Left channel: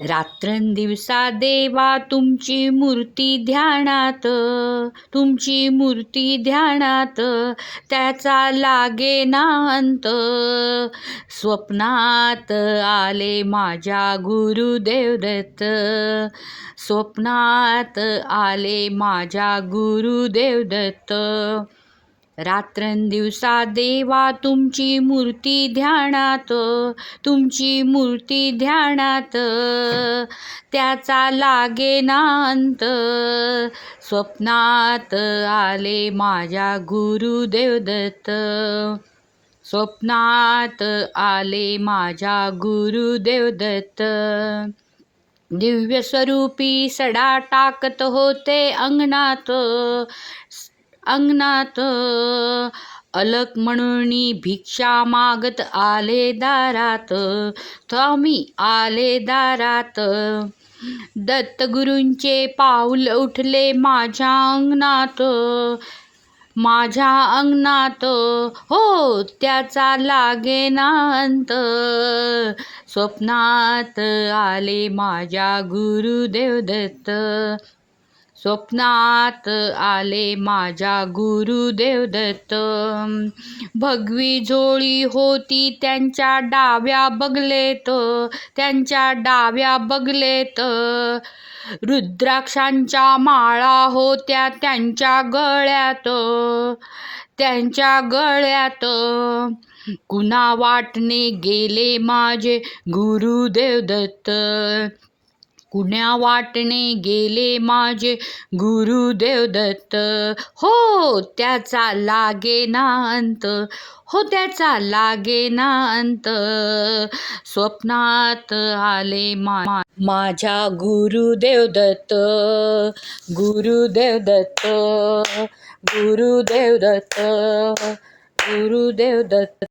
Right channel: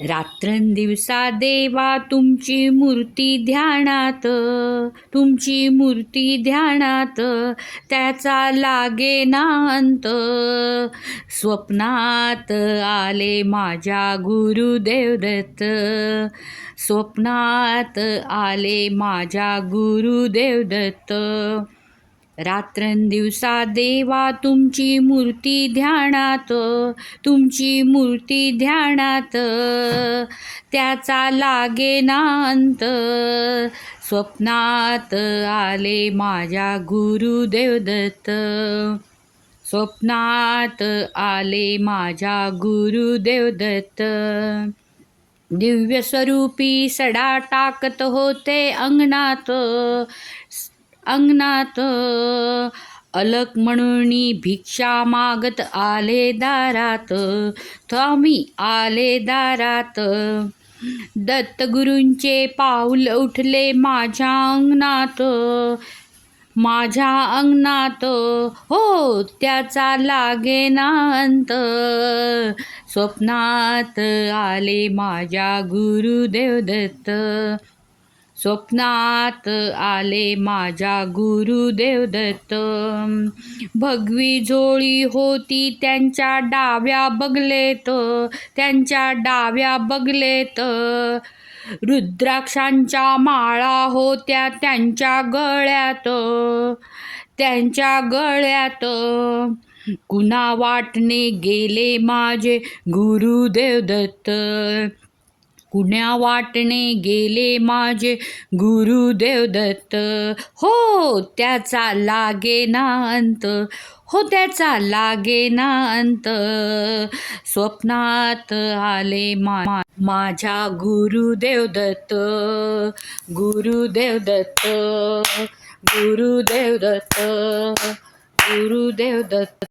रात्रंदिवसा देवा तुमची मूर्ती ध्यानात, तुमची मूर्ती ध्यानात, त्याचा लागेना अंत. स्वप्नात आले माझ्या गुरुदेव दत्त, स्वप्नात आले माझ्या गुरुदेव दत्त. रात्रंदिवसा देवा तुमची मूर्ती ध्यानात, तुमची मूर्ती ध्यानात, त्याचा लागेना अंत. स्वप्नात आले माझ्या गुरुदेव दत्त, स्वप्नात आले माझ्या गुरुदेव दत्त. दिव्य स्वरूपी सडा टाकत होते अंगणात, अंगणात. अलक म्हणून भिक्षा मागत आले दारात, स्वामी आले दारात. दत्तगुरूंचे पाऊल उठले माझ्या अंगणात, माझ्या अंगणात. हो त्याचा लागेना अंत. स्वप्नात आले माझ्या गुरुदेव दत्त, स्वप्नात आले माझ्या गुरुदेव दत्त. भगवी झोळी होती त्यांच्या डाव्या बगलेत, त्यांच्या डाव्या बगलेत. रुद्राक्षांच्या माळा होत्या त्यांच्या गळ्यात, त्यांच्या गळ्यात. कुणा वाटणे गेले माझे गुरुदेव दत्त, कुण्या वाटणे गेले माझे गुरुदेव दत्त. हो त्याचा लागेना अंत, हो त्याचा लागेना अंत. स्वप्नात आले माझ्या गुरुदेव दत्त, गुरुदेव दत्त, गुरुदेव दत्त, गुरुदेव दत्त.